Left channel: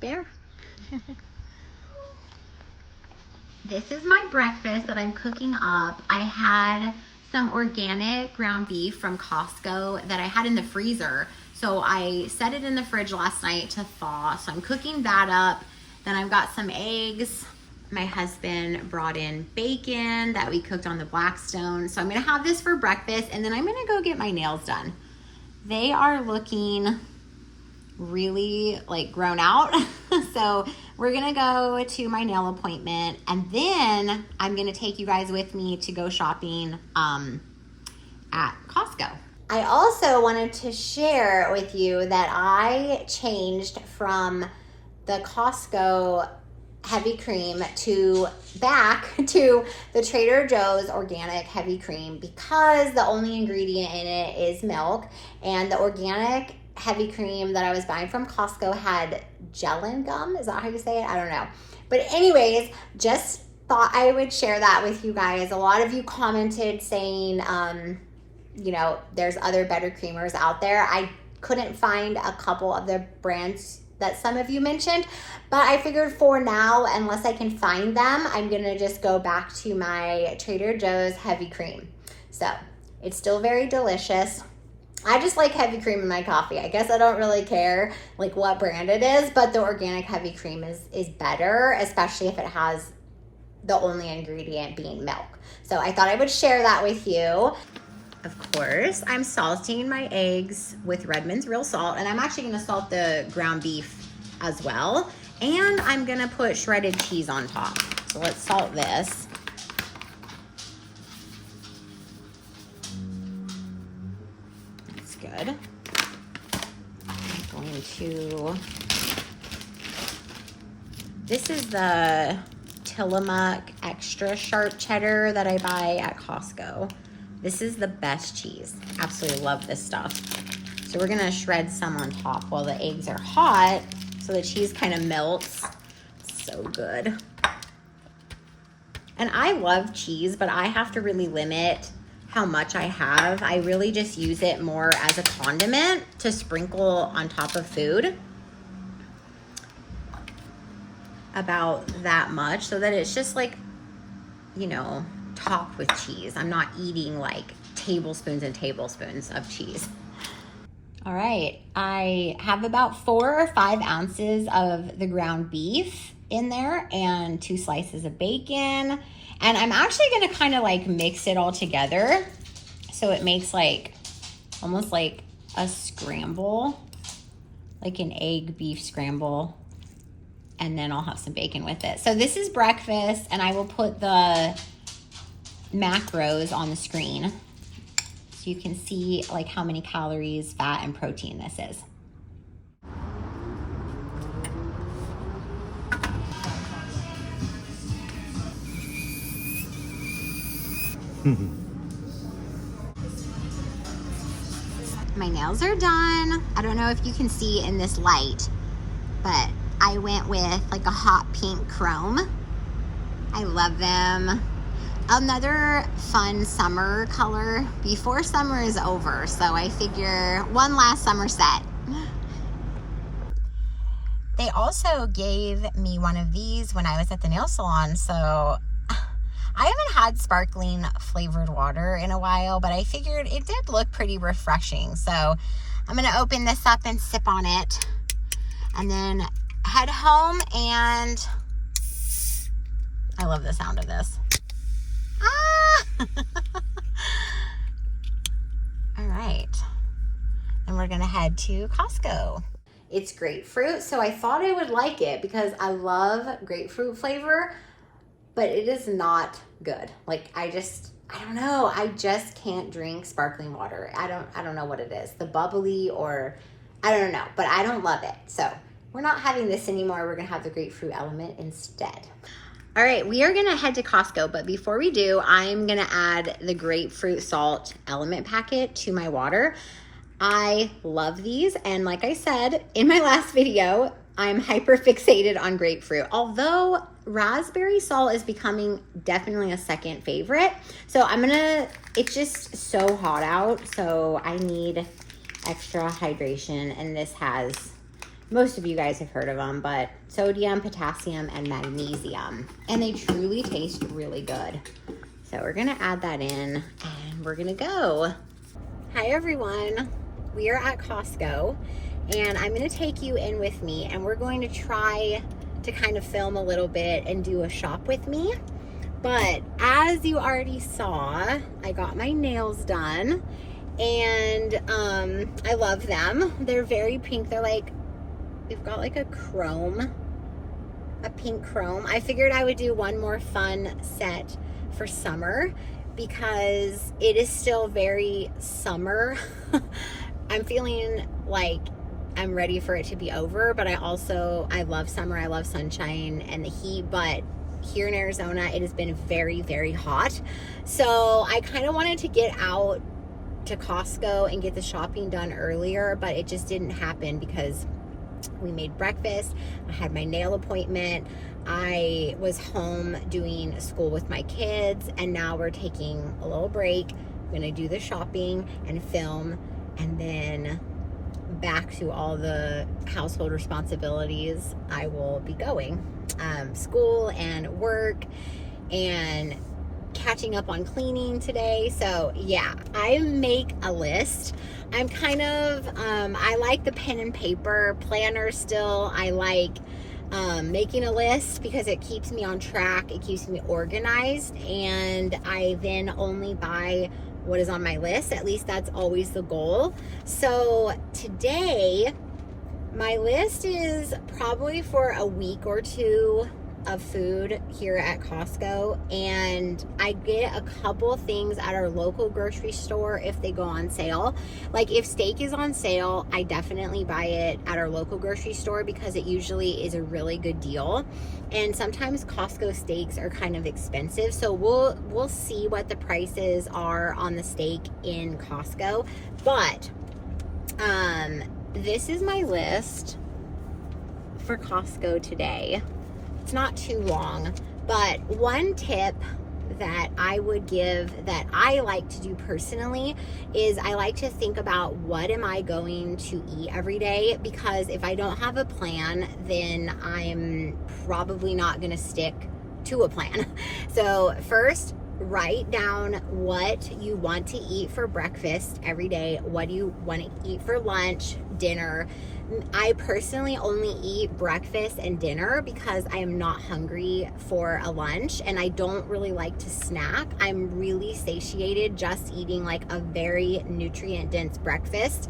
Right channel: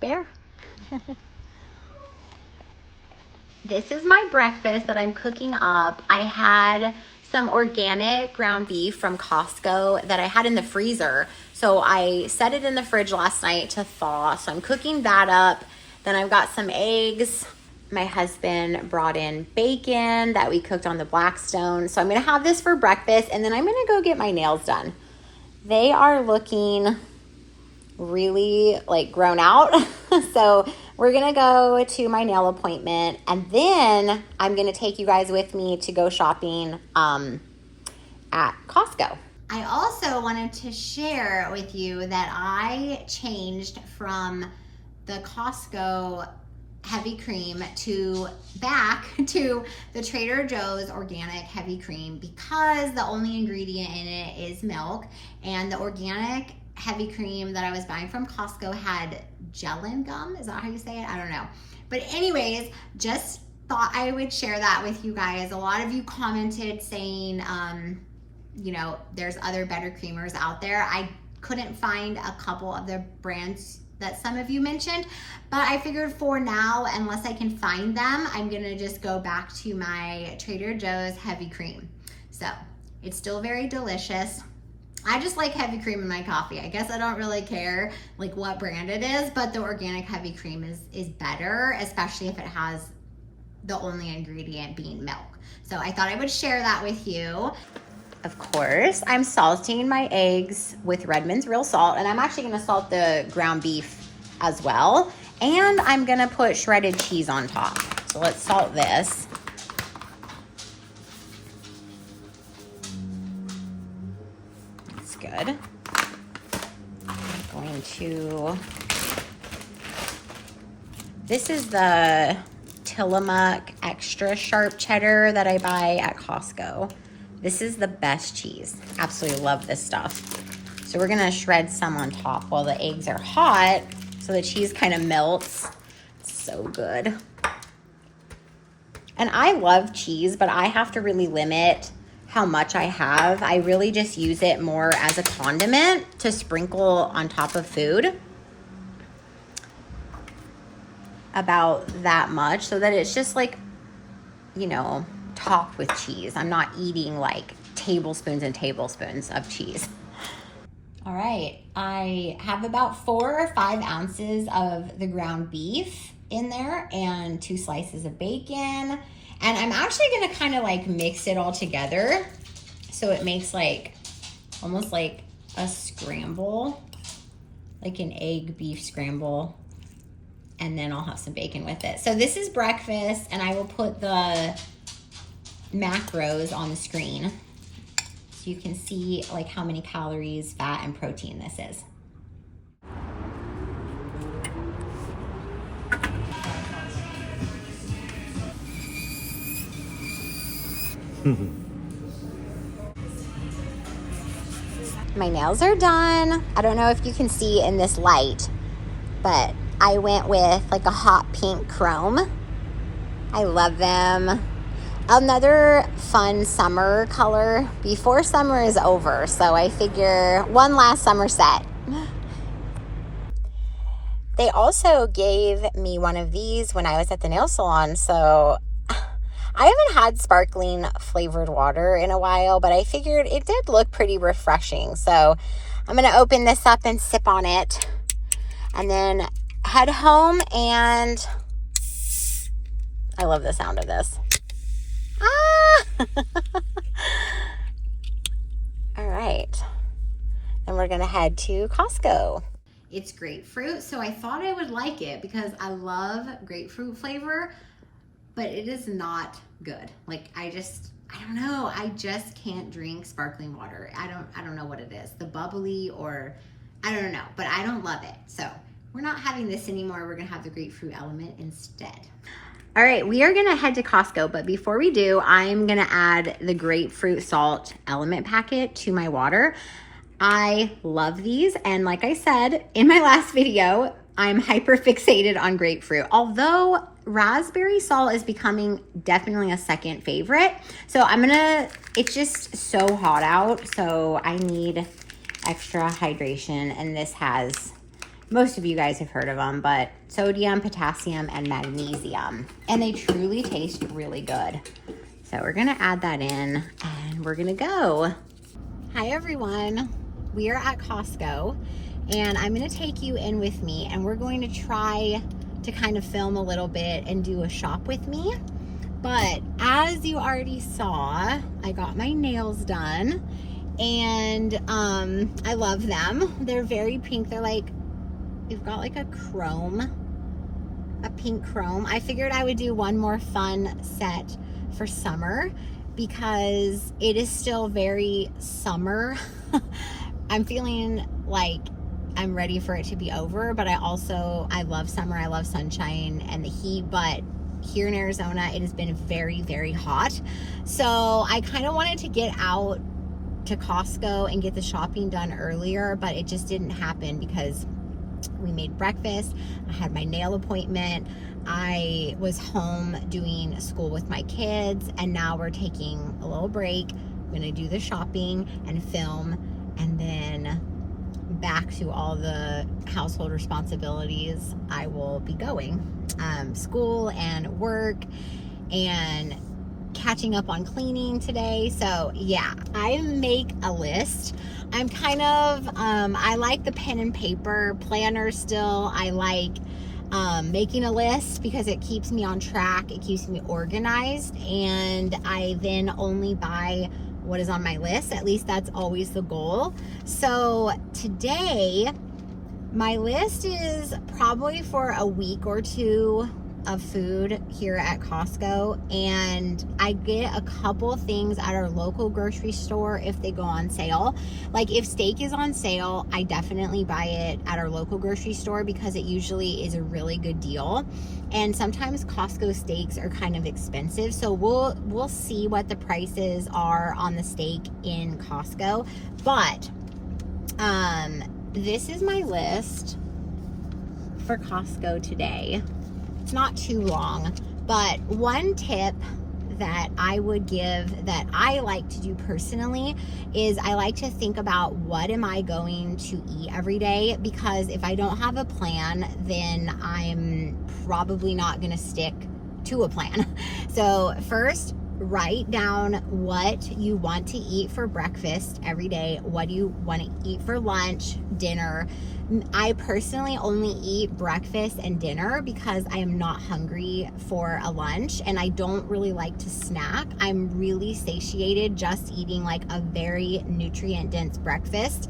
Bear. This is my breakfast that I'm cooking up. I had some organic ground beef from Costco that I had in the freezer. So I set it in the fridge last night to thaw. So I'm cooking that up. Then I've got some eggs. My husband brought in bacon that we cooked on the Blackstone. So I'm gonna have this for breakfast, and then I'm gonna go get my nails done. They are looking really like grown out. So we're gonna go to my nail appointment, and then I'm gonna take you guys with me to go shopping at Costco. I also wanted to share with you that I changed from the Costco heavy cream back to the Trader Joe's organic heavy cream, because the only ingredient in it is milk, and the organic heavy cream that I was buying from Costco had gellan gum. Is that how you say it? I don't know. But anyways, just thought I would share that with you guys. A lot of you commented saying, you know, there's other better creamers out there. I couldn't find a couple of the brands that some of you mentioned, but I figured for now, unless I can find them, I'm gonna just go back to my Trader Joe's heavy cream. So it's still very delicious. I just like heavy cream in my coffee. I guess I don't really care like what brand it is, but the organic heavy cream is better, especially if it has the only ingredient being milk. So I thought I would share that with you. Of course, I'm salting my eggs with Redmond's real salt, and I'm actually gonna salt the ground beef as well. And I'm gonna put shredded cheese on top. So let's salt this. Good. I'm going to, this is the Tillamook extra sharp cheddar that I buy at Costco. This is the best cheese. Absolutely love this stuff. So we're gonna shred some on top while the eggs are hot so the cheese kind of melts. So good. And I love cheese, but I have to really limit how much I have. I really just use it more as a condiment to sprinkle on top of food. About that much, so that it's just like, you know, topped with cheese. I'm not eating like tablespoons and tablespoons of cheese. All right, I have about 4 or 5 ounces of the ground beef in there and 2 slices of bacon. And I'm actually gonna kind of like mix it all together so it makes like almost like a scramble, like an egg beef scramble. And then I'll have some bacon with it. So this is breakfast, and I will put the macros on the screen so you can see like how many calories, fat, and protein this is. My nails are done. I don't know if you can see in this light, but I went with like a hot pink chrome. I love them. Another fun summer color before summer is over. So I figure one last summer set. They also gave me one of these when I was at the nail salon. So I haven't had sparkling flavored water in a while, but I figured it did look pretty refreshing. So I'm gonna open this up and sip on it, and then head home. And I love the sound of this. Ah! All right. And we're gonna head to Costco. It's grapefruit, so I thought I would like it because I love grapefruit flavor, but it is not good. Like I don't know. I just can't drink sparkling water. I don't know what it is. The bubbly, or I don't know, but I don't love it. So we're not having this anymore. We're gonna have the grapefruit element instead. All right, we are gonna head to Costco, but before we do, I'm gonna add the grapefruit salt element packet to my water. I love these, and like I said in my last video, I'm hyper fixated on grapefruit, although raspberry salt is becoming definitely a second favorite. So it's just so hot out, so I need extra hydration, and this has most of you guys have heard of them, but sodium, potassium, and magnesium. And they truly taste really good. So we're gonna add that in and we're gonna go. Hi everyone, we are at Costco and I'm gonna take you in with me and we're going to try to kind of film a little bit and do a shop with me. But as you already saw, I got my nails done and I love them. They're very pink. They're like, they've got like a pink chrome. I figured I would do one more fun set for summer because it is still very summer. I'm feeling like I'm ready for it to be over, but I love summer. I love sunshine and the heat, but here in Arizona, it has been very, very hot. So I kind of wanted to get out to Costco and get the shopping done earlier, but it just didn't happen because we made breakfast. I had my nail appointment. I was home doing school with my kids, and now we're taking a little break. I'm gonna do the shopping and film, and then back to all the household responsibilities I will be going. School and work and catching up on cleaning today. So yeah, I make a list. I'm kind of, I like the pen and paper planner still. I like making a list because it keeps me on track. It keeps me organized, and I then only buy what is on my list. At least that's always the goal. So today, my list is probably for a week or two of food here at Costco, and I get a couple things at our local grocery store if they go on sale. Like if steak is on sale, I definitely buy it at our local grocery store because it usually is a really good deal. And sometimes Costco steaks are kind of expensive, so we'll see what the prices are on the steak in Costco. But this is my list for Costco today. It's not too long, but one tip that I would give that I like to do personally is I like to think about what am I going to eat every day, because if I don't have a plan, then I'm probably not going to stick to a plan. So first, write down what you want to eat for breakfast every day. What do you want to eat for lunch, dinner? I personally only eat breakfast and dinner because I am not hungry for a lunch, and I don't really like to snack. I'm really satiated just eating like a very nutrient dense breakfast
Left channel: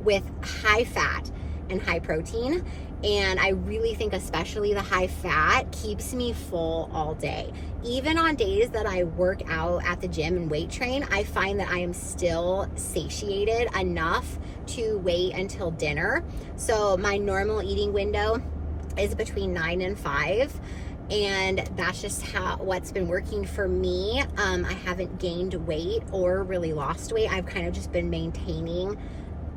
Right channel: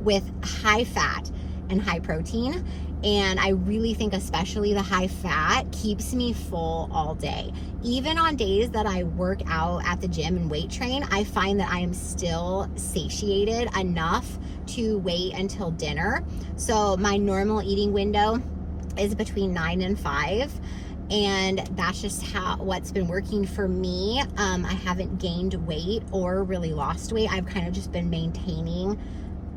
with high fat and high protein. And I really think especially the high fat keeps me full all day. Even on days that I work out at the gym and weight train, I find that I am still satiated enough to wait until dinner. So my normal eating window is between 9 and 5. And that's just what's been working for me. I haven't gained weight or really lost weight. I've kind of just been maintaining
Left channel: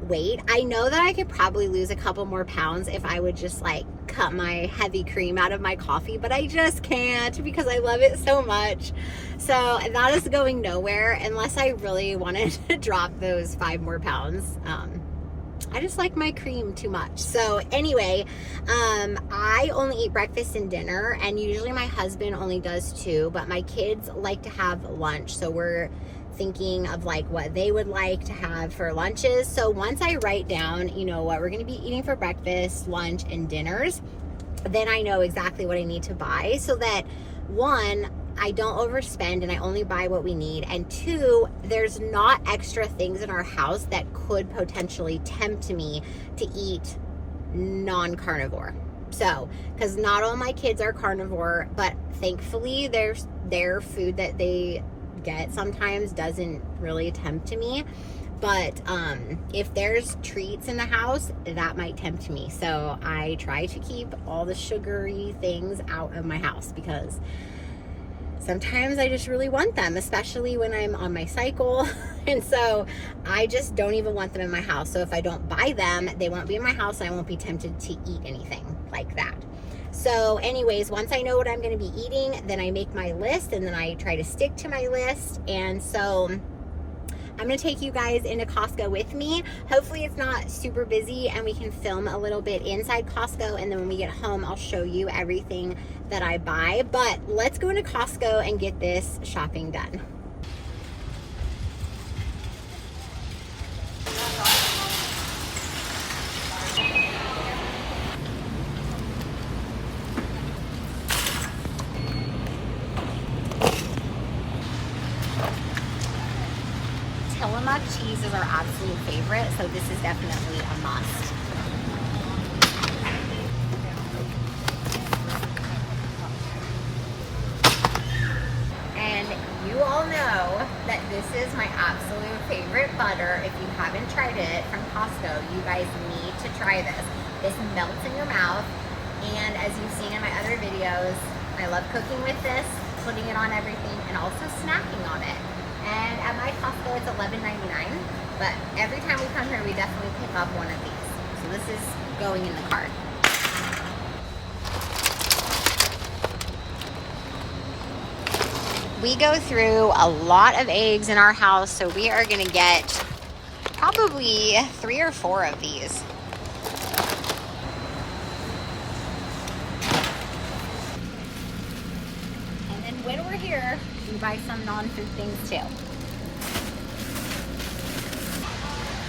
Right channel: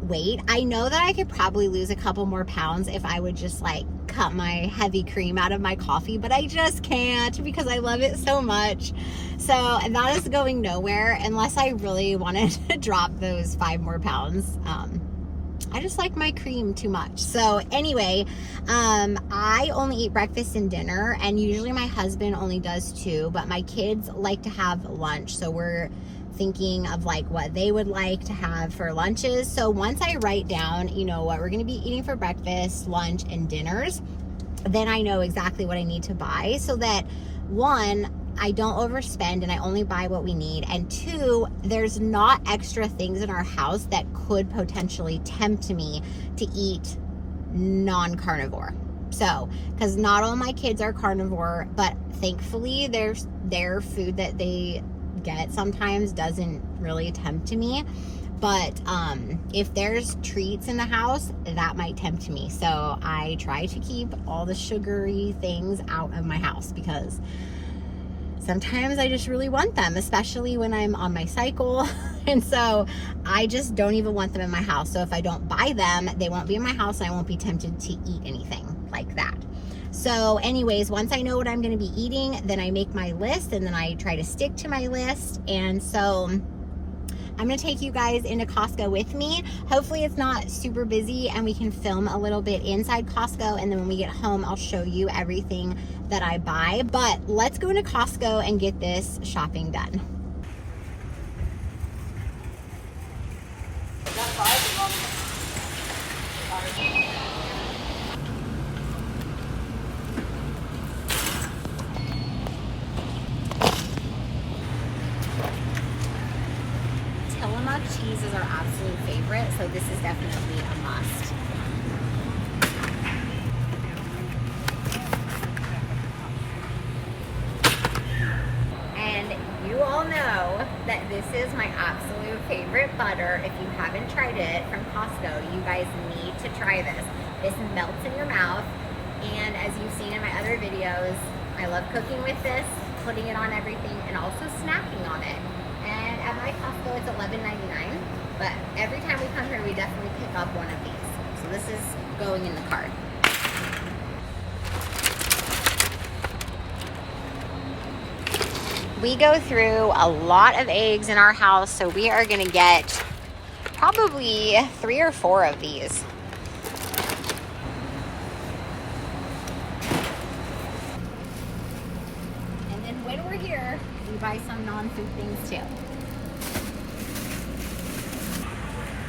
weight. I know that I could probably lose a couple more pounds if I would just like cut my heavy cream out of my coffee, but I just can't because I love it so much. So that is going nowhere unless I really wanted to drop those 5 more pounds. I just like my cream too much. So anyway, I only eat breakfast and dinner, and usually my husband only does too, but my kids like to have lunch. So we're thinking of like what they would like to have for lunches. So once I write down, you know, what we're going to be eating for breakfast, lunch, and dinners, then I know exactly what I need to buy so that one, I don't overspend and I only buy what we need. And 2, there's not extra things in our house that could potentially tempt me to eat non-carnivore. So, because not all my kids are carnivore, but thankfully their food that they get sometimes doesn't really tempt me. But if there's treats in the house, that might tempt me. So I try to keep all the sugary things out of my house because sometimes I just really want them, especially when I'm on my cycle. And so I just don't even want them in my house. So if I don't buy them, they won't be in my house and I won't be tempted to eat anything like that. So anyways, once I know what I'm going to be eating, then I make my list and then I try to stick to my list. And so I'm gonna take you guys into Costco with me. Hopefully it's not super busy and we can film a little bit inside Costco, and then when we get home, I'll show you everything that I buy. But let's go into Costco and get this shopping done. Tillamook cheese is our absolute favorite, so this is definitely a must. And you all know that this is my absolute favorite butter. If you haven't tried it from Costco, you guys need to try this. This melts in your mouth, and as you've seen in my other videos, I love cooking with this, putting it on everything, and also snacking on it. And at my Costco, it's $11.99, but every time we come here, we definitely pick up one of these. So this is going in the cart. We go through a lot of eggs in our house, so we are gonna get probably 3 or 4 of these. And then when we're here, we buy some non-food things too.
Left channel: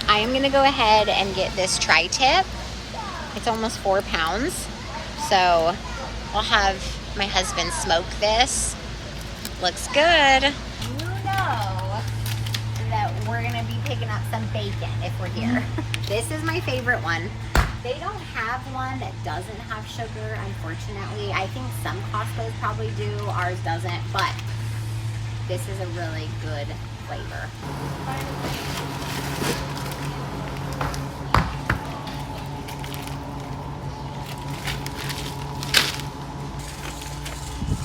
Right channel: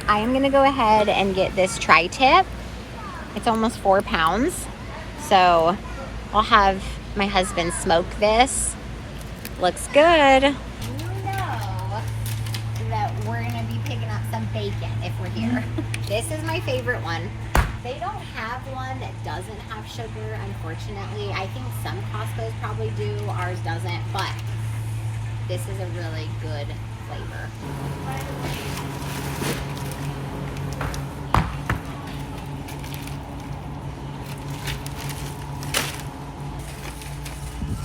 I am gonna go ahead and get this tri-tip. It's almost 4 pounds. So I'll have my husband smoke this. Looks good. You know that we're gonna be picking up some bacon if we're here. This is my favorite one. They don't have one that doesn't have sugar, unfortunately. I think some Costco's probably do, ours doesn't, but this is a really good flavor.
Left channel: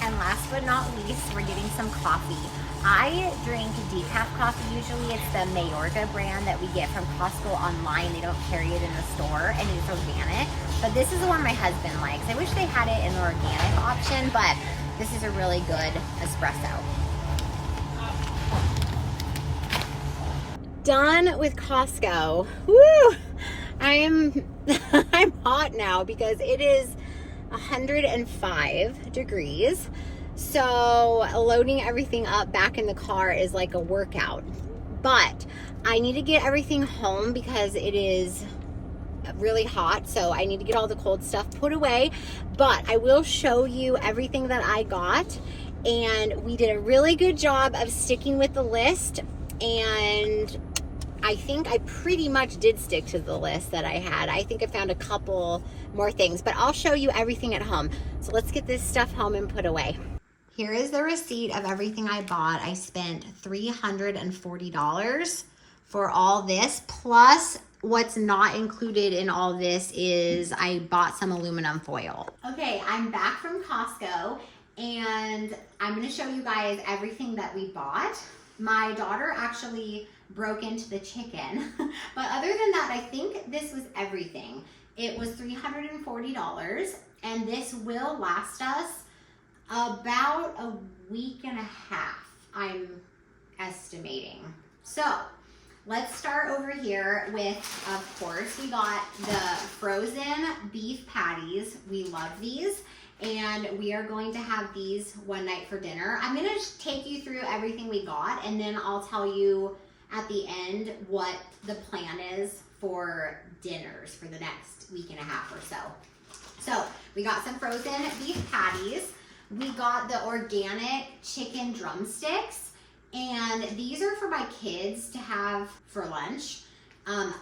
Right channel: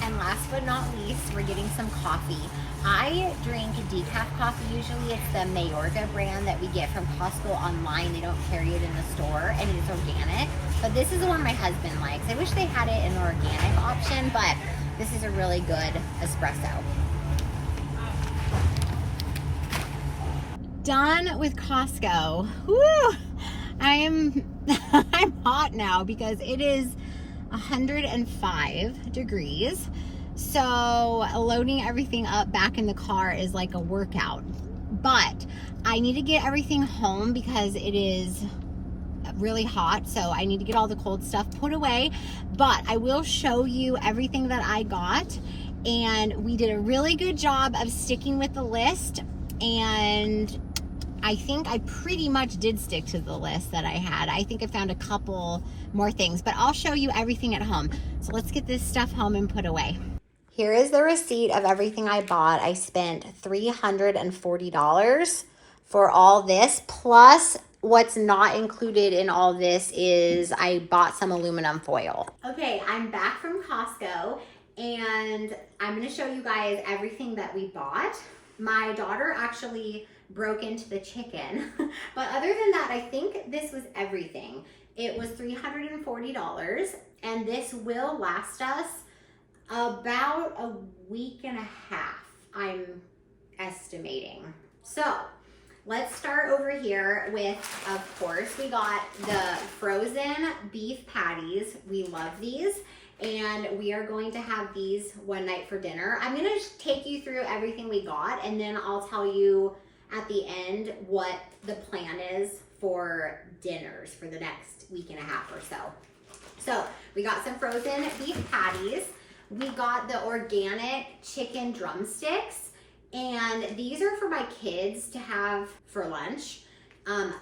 And last but not least, we're getting some coffee. I drink decaf coffee usually. It's the Mayorga brand that we get from Costco online. They don't carry it in the store, and it's organic. But this is the one my husband likes. I wish they had it in the organic option, but this is a really good espresso. Done with Costco. Woo! I'm hot now because it is 105 degrees. So loading everything up back in the car is like a workout. But I need to get everything home because it is really hot. So I need to get all the cold stuff put away. But I will show you everything that I got. And we did a really good job of sticking with the list. And I think I pretty much did stick to the list that I had. I think I found a couple more things, but I'll show you everything at home. So let's get this stuff home and put away. Here is the receipt of everything I bought. I spent $340 for all this, plus what's not included in all this is I bought some aluminum foil. Okay, I'm back from Costco, and I'm gonna show you guys everything that we bought. My daughter actually broke into the chicken, but other than that, I think this was everything. It was $340, and this will last us about a week and a half, I'm estimating. So let's start over here with, of course, we got the frozen beef patties. We love these, and we are going to have these one night for dinner. I'm gonna take you through everything we got, and then I'll tell you at the end what the plan is for dinners for the next week and a half or so. So we got some frozen beef patties. We got the organic chicken drumsticks, and these are for my kids to have for lunch.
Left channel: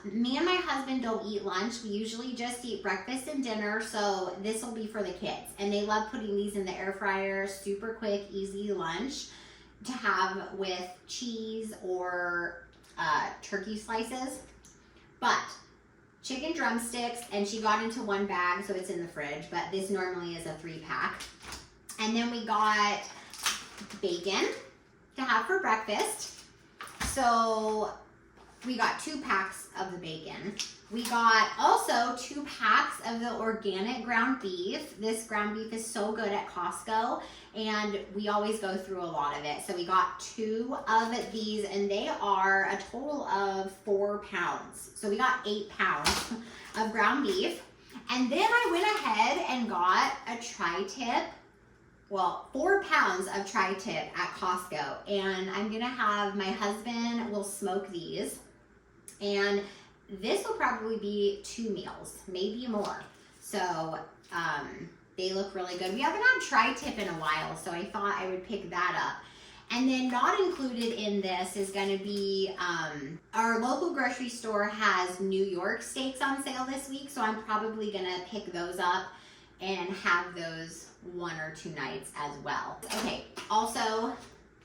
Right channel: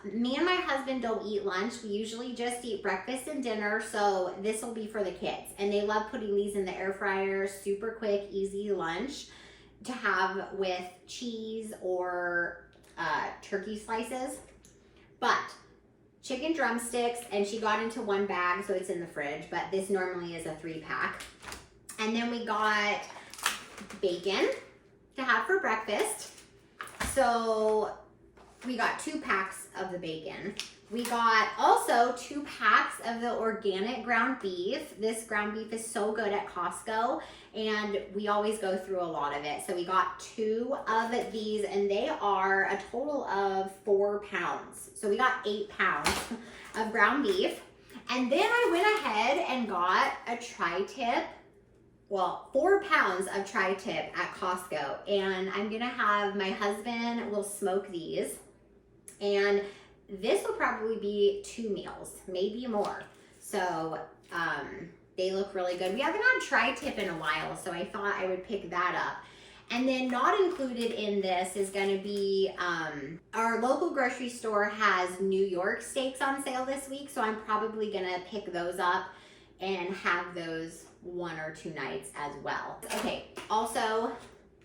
Me and my husband don't eat lunch. We usually just eat breakfast and dinner, so this will be for the kids. And they love putting these in the air fryer, super quick, easy lunch to have with cheese or turkey slices. But chicken drumsticks, and she got into 1 bag, so it's in the fridge, but this normally is a 3-pack. And then we got bacon to have for breakfast. So we got 2 packs of the bacon. We got also 2 packs of the organic ground beef. This ground beef is so good at Costco, and we always go through a lot of it. So we got 2 of these, and they are a total of 4 pounds. So we got 8 pounds of ground beef. And then I went ahead and got a tri-tip. Well, 4 pounds of tri-tip at Costco. And I'm gonna have, my husband will smoke these. And this will probably be 2 meals, maybe more. So they look really good. We haven't had tri-tip in a while, so I thought I would pick that up. And then not included in this is gonna be, our local grocery store has New York steaks on sale this week, so I'm probably gonna pick those up and have those 1 or 2 nights as well. Okay, also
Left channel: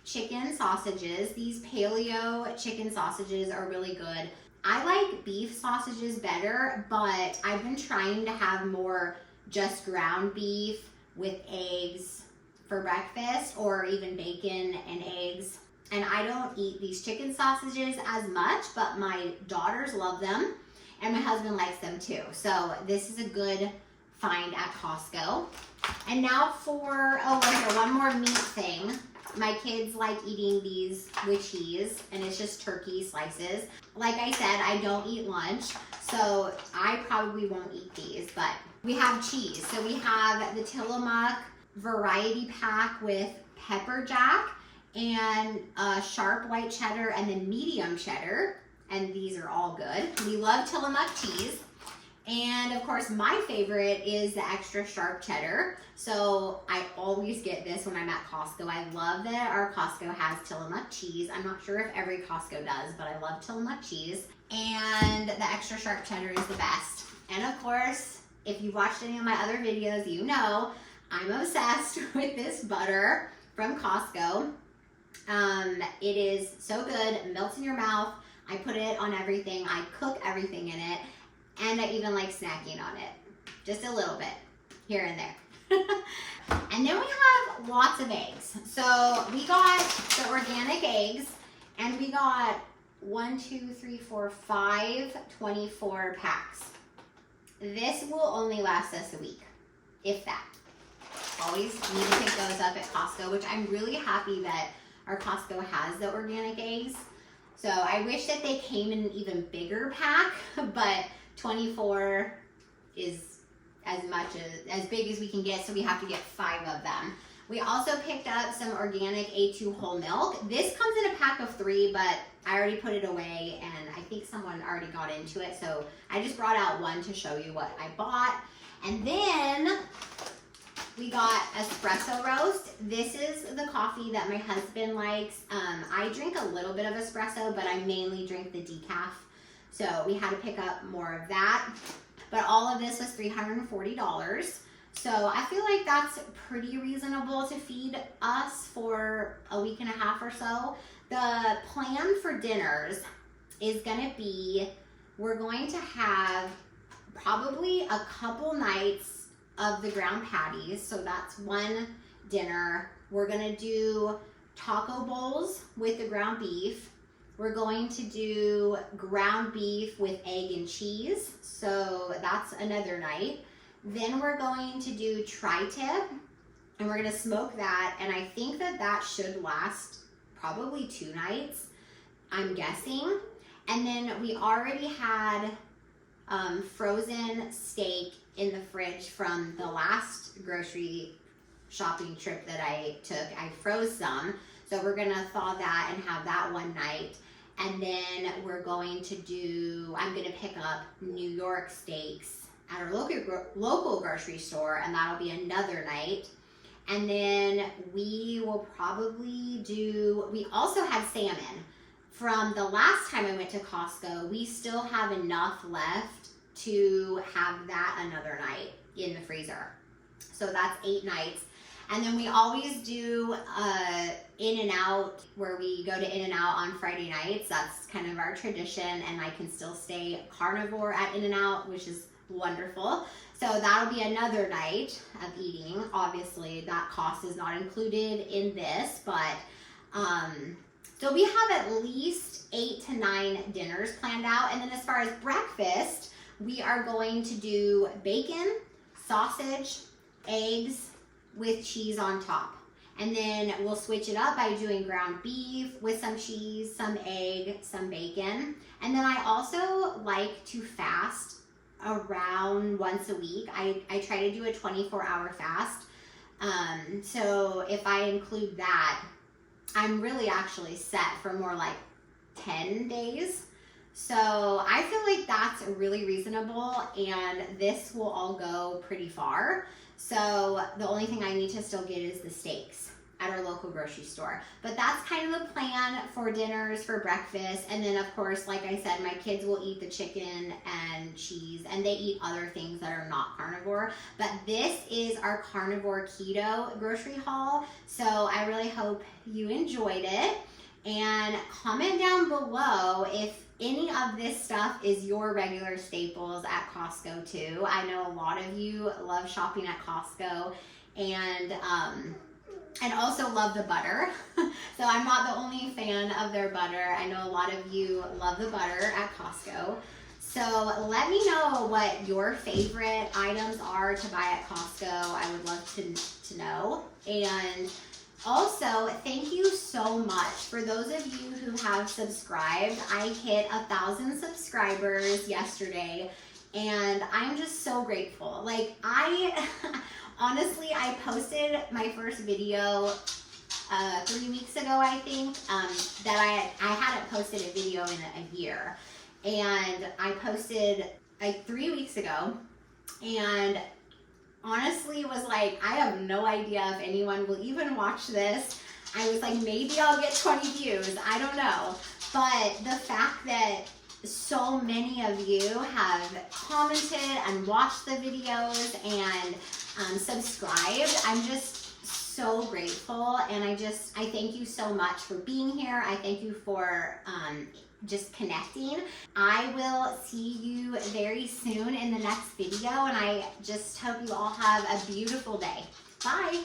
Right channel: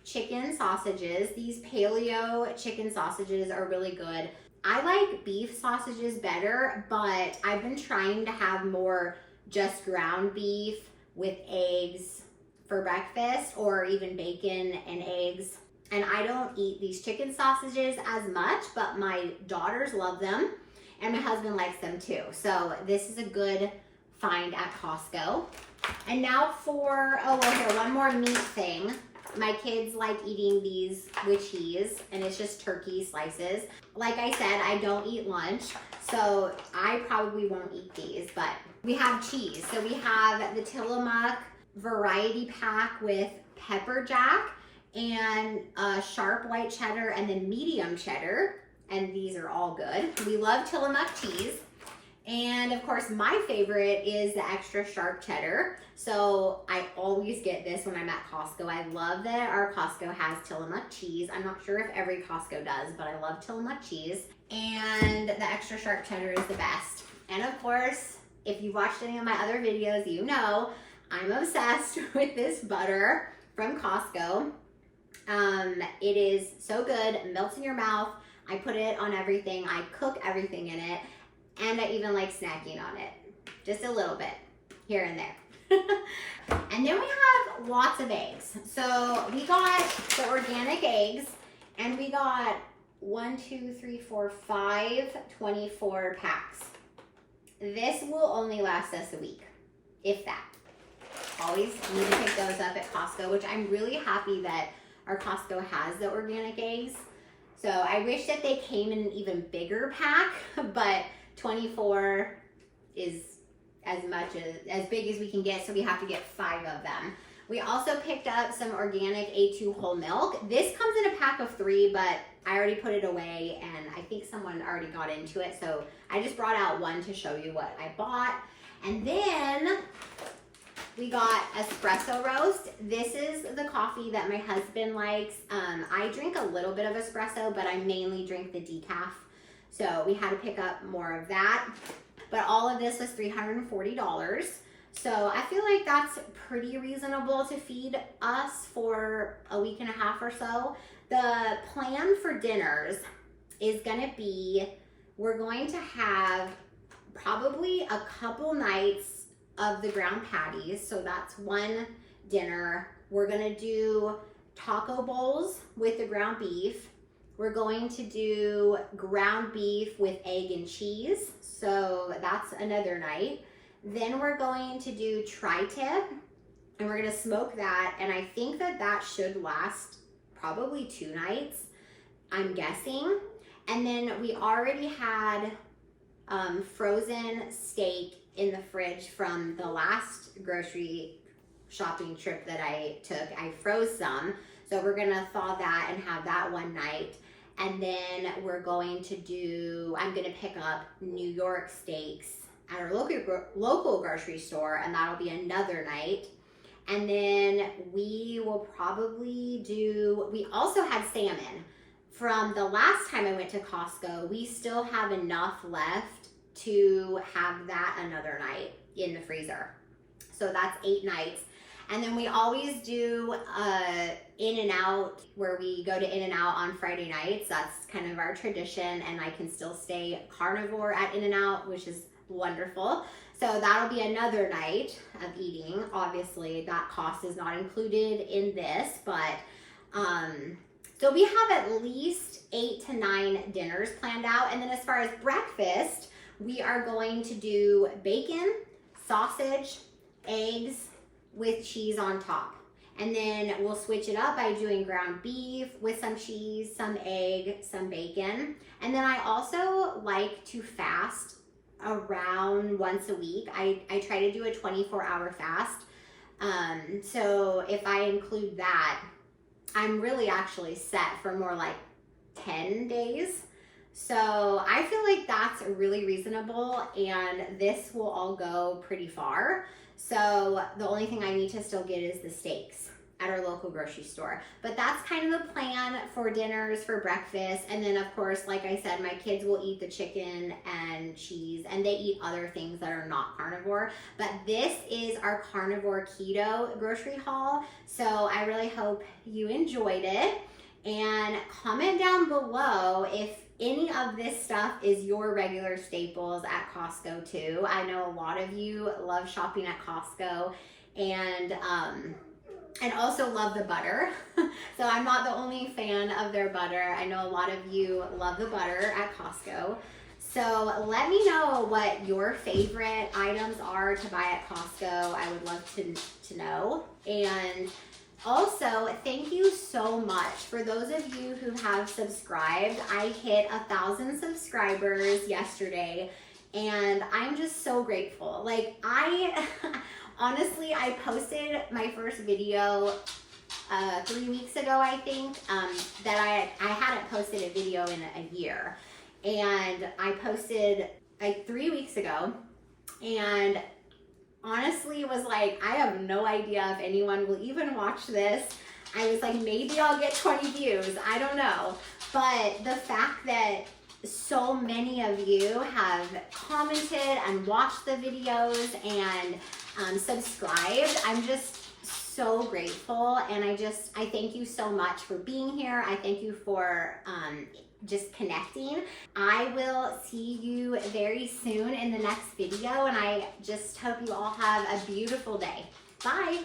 chicken sausages. These paleo chicken sausages are really good. I like beef sausages better, but I've been trying to have more just ground beef with eggs for breakfast, or even bacon and eggs. And I don't eat these chicken sausages as much, but my daughters love them and my husband likes them too. So this is a good find at Costco. And now for, oh, well, here, one more meat thing. My kids like eating these with cheese, and it's just turkey slices. Like I said, I don't eat lunch, so I probably won't eat these, but we have cheese. So we have the Tillamook variety pack with pepper jack and sharp white cheddar and then medium cheddar, and these are all good. We love Tillamook cheese. And of course, my favorite is the extra sharp cheddar. So I always get this when I'm at Costco. I love that our Costco has Tillamook cheese. I'm not sure if every Costco does, but I love Tillamook cheese. And the extra sharp cheddar is the best. And of course, if you've watched any of my other videos, you know I'm obsessed with this butter from Costco. It is so good, it melts in your mouth. I put it on everything. I cook everything in it. And I even like snacking on it, just a little bit here and there. And then we have lots of eggs. So we got the organic eggs, and we got 1, 2, 3, 4, 5, 24 packs. This will only last us a week, if that. Always need to pick those up at Costco, which I'm really happy that our Costco has the organic eggs. So I wish that they came in an even bigger pack, but 24 is as big as we can get, so we have to get 5 of them. We also picked up some organic A2 whole milk. This comes in a pack of 3, but I already put it away, and I think someone already got into it, so I just brought out 1 to show you what I bought. And then we got espresso roast. This is the coffee that my husband likes. I drink a little bit of espresso, but I mainly drink the decaf. So we had to pick up more of that. But all of this was $340. So I feel like that's pretty reasonable to feed us for a week and a half or so. The plan for dinners is gonna be, we're going to have probably a couple nights of the ground patties. So that's one dinner. We're gonna do taco bowls with the ground beef. We're going to do ground beef with egg and cheese. So that's another night. Then we're going to do tri-tip, and we're gonna smoke that. And I think that that should last probably 2 nights, I'm guessing. And then we already had frozen steak in the fridge from the last grocery shopping trip that I took. I froze some. So we're gonna thaw that and have that one night. And then we're going to do, I'm gonna pick up New York steaks at our local grocery store, and that'll be another night. And then we will probably do, we also had salmon. From the last time I went to Costco, we still have enough left to have that another night in the freezer. So that's 8 nights. And then we always do In-N-Out, where we go to In-N-Out on Friday nights. That's kind of our tradition, and I can still stay carnivore at In-N-Out, which is wonderful. So that'll be another night of eating. Obviously, that cost is not included in this, but So we have at least 8 to 9 dinners planned out. And then as far as breakfast, we are going to do bacon, sausage, eggs with cheese on top. And then we'll switch it up by doing ground beef with some cheese, some egg, some bacon. And then I also like to fast around once a week. I try to do a 24-hour fast. So if I include that, I'm really actually set for more like 10 days. So I feel like that's really reasonable, and this will all go pretty far. So the only thing I need to still get is the steaks at our local grocery store. But that's kind of the plan for dinners, for breakfast. And then of course, like I said, my kids will eat the chicken and cheese, and they eat other things that are not carnivore. But this is our carnivore keto grocery haul. So I really hope you enjoyed it. And comment down below if any of this stuff is your regular staples at Costco too. I know a lot of you love shopping at Costco, and also love the butter. So I'm not the only fan of their butter. I know a lot of you love the butter at Costco. So let me know what your favorite items are to buy at Costco. I would love to know. And also, thank you so much for those of you who have subscribed. I hit 1,000 subscribers yesterday, and I'm just so grateful. Like, honestly, I posted my first video 3 weeks ago, I think, that I hadn't posted a video in a year. And I posted like 3 weeks ago, and honestly was like, I have no idea if anyone will even watch this. I was like, maybe I'll get 20 views. I don't know. But the fact that so many of you have commented and watched the videos and subscribed, I'm just so grateful. And I thank you so much for being here. I thank you for just connecting. I will see you very soon in the next video, and I just hope you all have a beautiful day. Bye.